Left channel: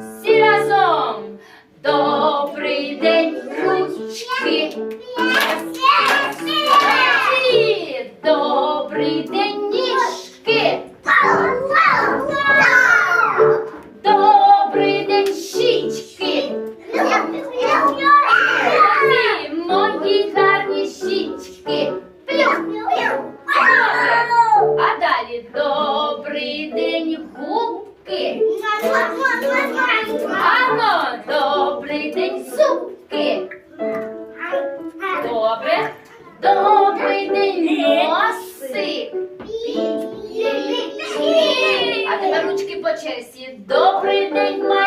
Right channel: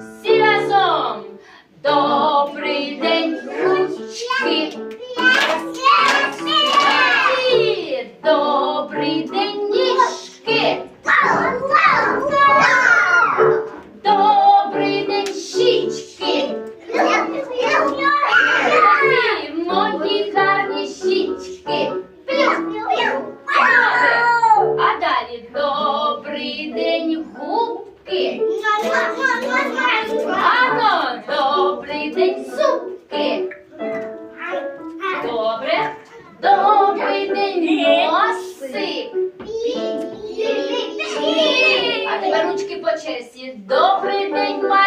Всі разом. Добрий день, ручки. І Добрий день, ніжки. Добрий день, щічки. І мої гарні щічки. А далі добрий день, Гарно, добрий день, зубки. Добре. Добрий день, носи. А тепер ручки по черзі. Добрий день, малята.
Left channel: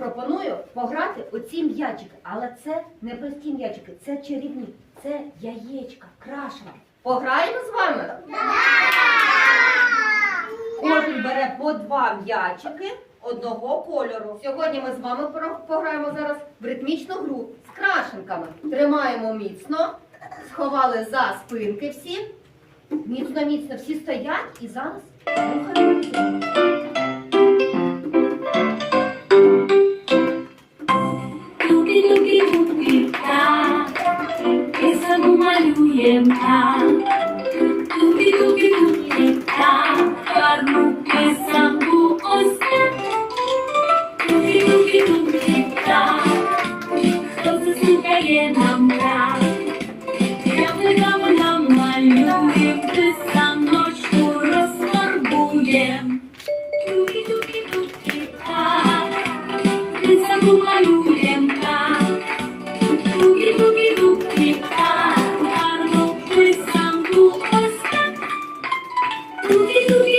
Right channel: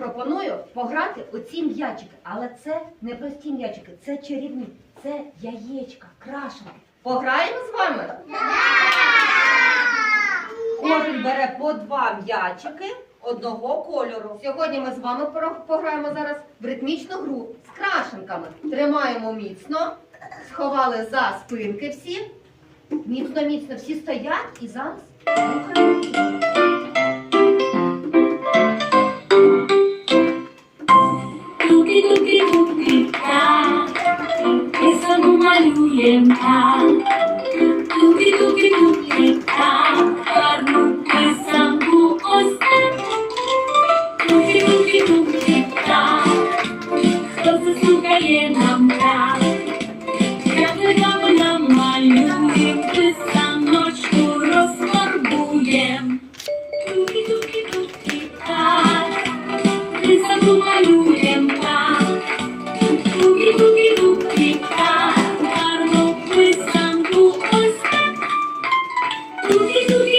Пропоную пограти у ці м'ячики, але це не прості м'ячики, це чарівні, це яєчка, крашенки. Пограємо з вами? Кожен бере по два м'ячики одного кольору. Сьогодні ми з вами пограємо зараз в ритмічну гру з крашенками. Тримаємо міцно, сховали за спинки всі. Міцно, міцно всі стоять і зараз рухаємо. Thank you.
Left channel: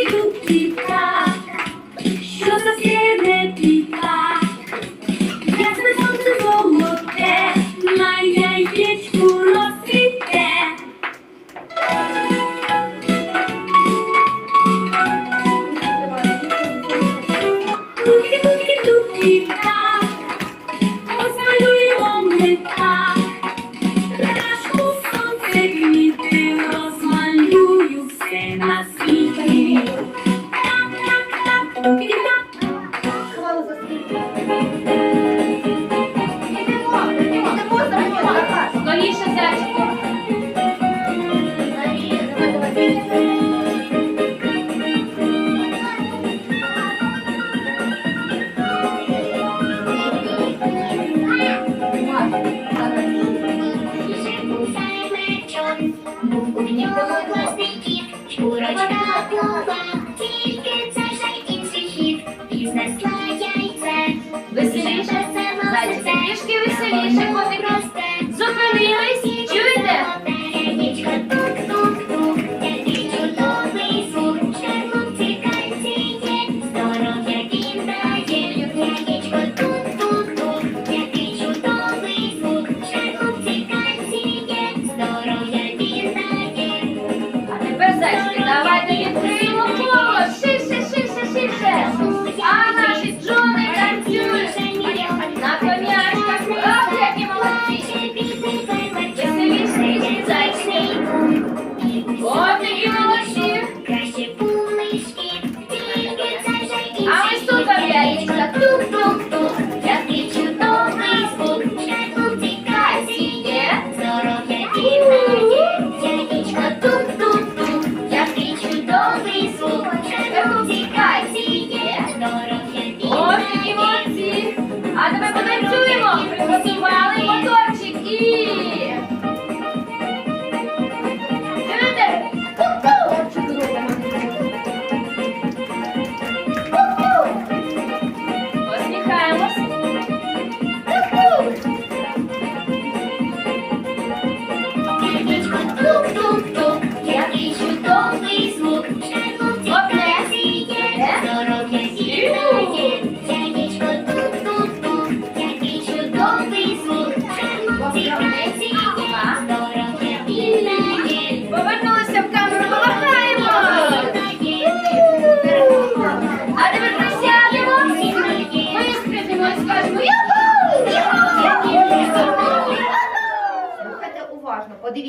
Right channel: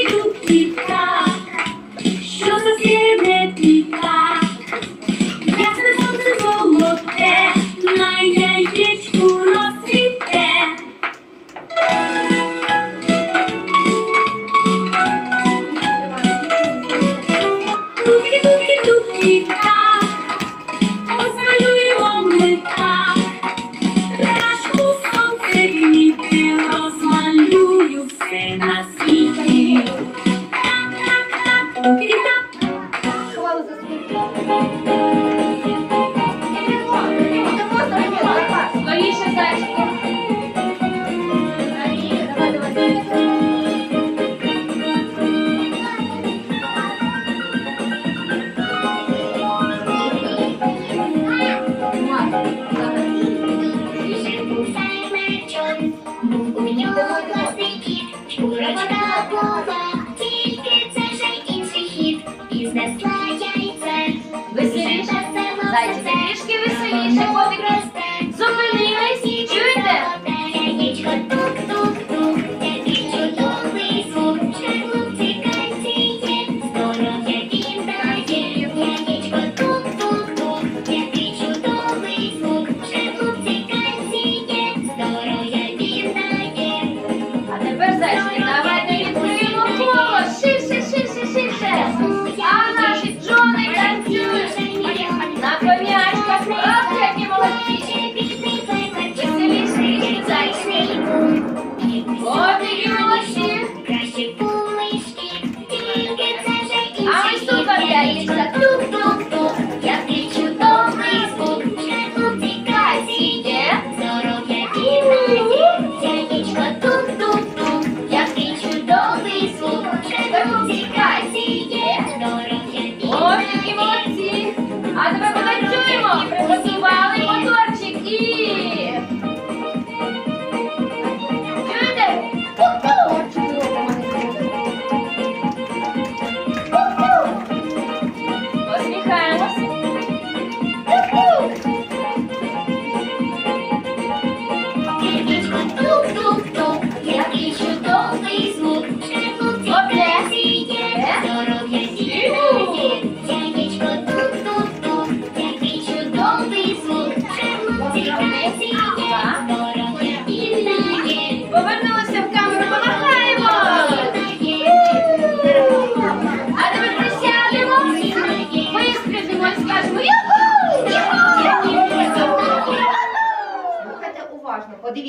У нього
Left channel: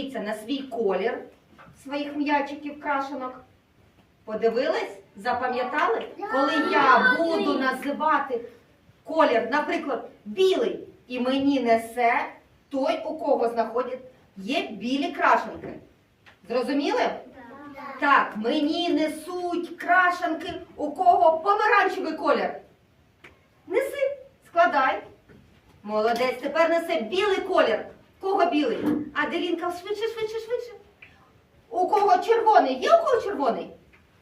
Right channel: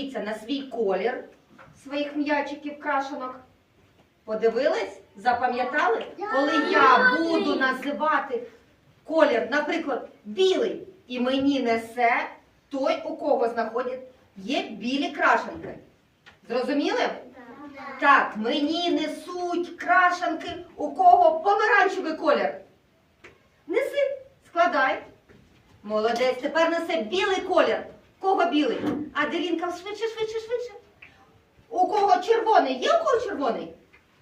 подивіться на свій колір своїх м'ячиків крашенок. Подивились? Запам'ятали? Коли я буду називати колір, наприклад, білий, і мені несе той, у кого знаходять, є білі крашенки. Зрозуміли? Так, мені несуть крашенки, у кого помаранчевий колір. Неси, складай. Молодець, тепер несе білий колір. Кого білий? А Делінка швидше, швидше, швидше. У кого червоний? Є у кого червоний?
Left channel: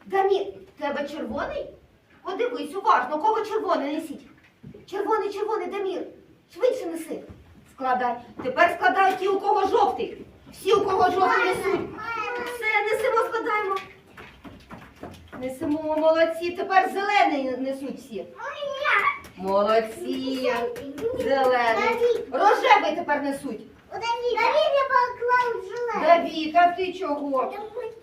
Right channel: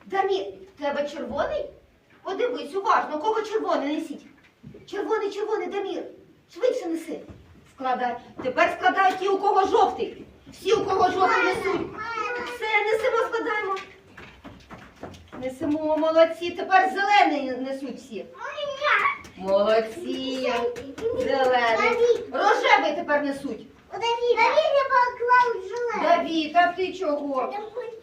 Дамі, тебе червоний? Подивись уважно, у кого червоний несіть. Червоний, червоний, Дамір. Швидше неси. Складай. Тепер складають ті, у кого жовтий. Всі, у кого жовтий несуть. Все, несемо, складаємо. Несемо, молодці. Тепер зелений несуть всі. Молодці. Зелений. Рожевий тепер несуть. Давід, а ти чого?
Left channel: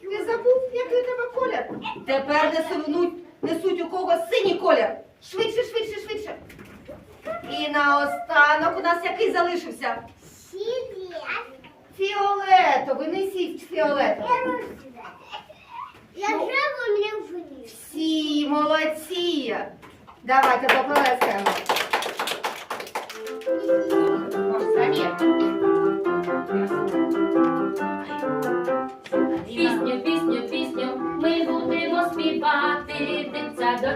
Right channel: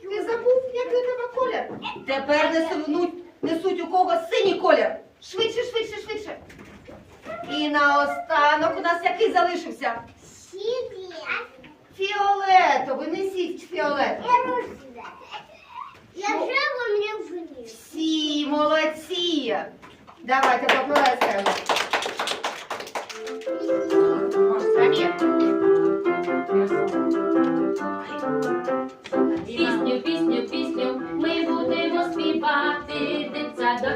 Ти забув, який у тебе колір? Тепер несуть, несуть у кого синій колір. Швидше, швидше, швидше. І наостанок у нас який залишився? Фіолетовий, несіть фіолетовий. Всі молодці. Давайте поплескаємо. Може, самі?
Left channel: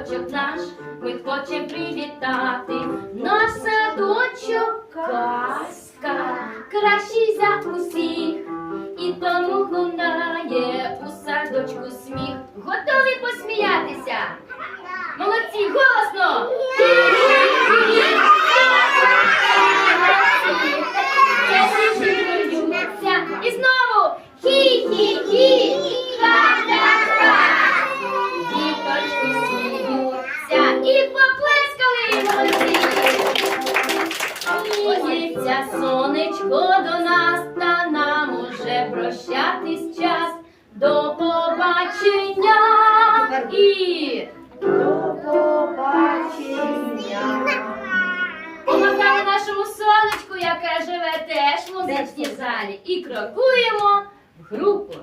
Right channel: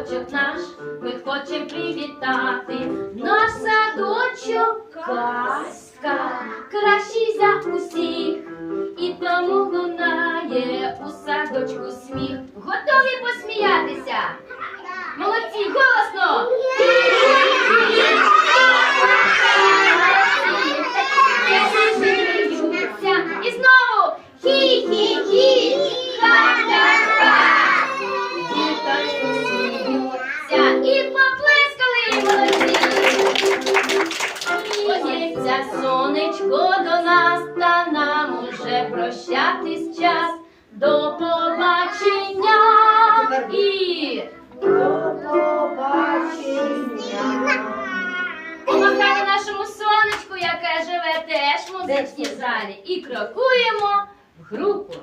Дитсадочок наш, ми хочемо привітати. Наш садочок і До побачення. помахали нашому сонечку, яке живе теж в музичній залі. І крокуємо в групу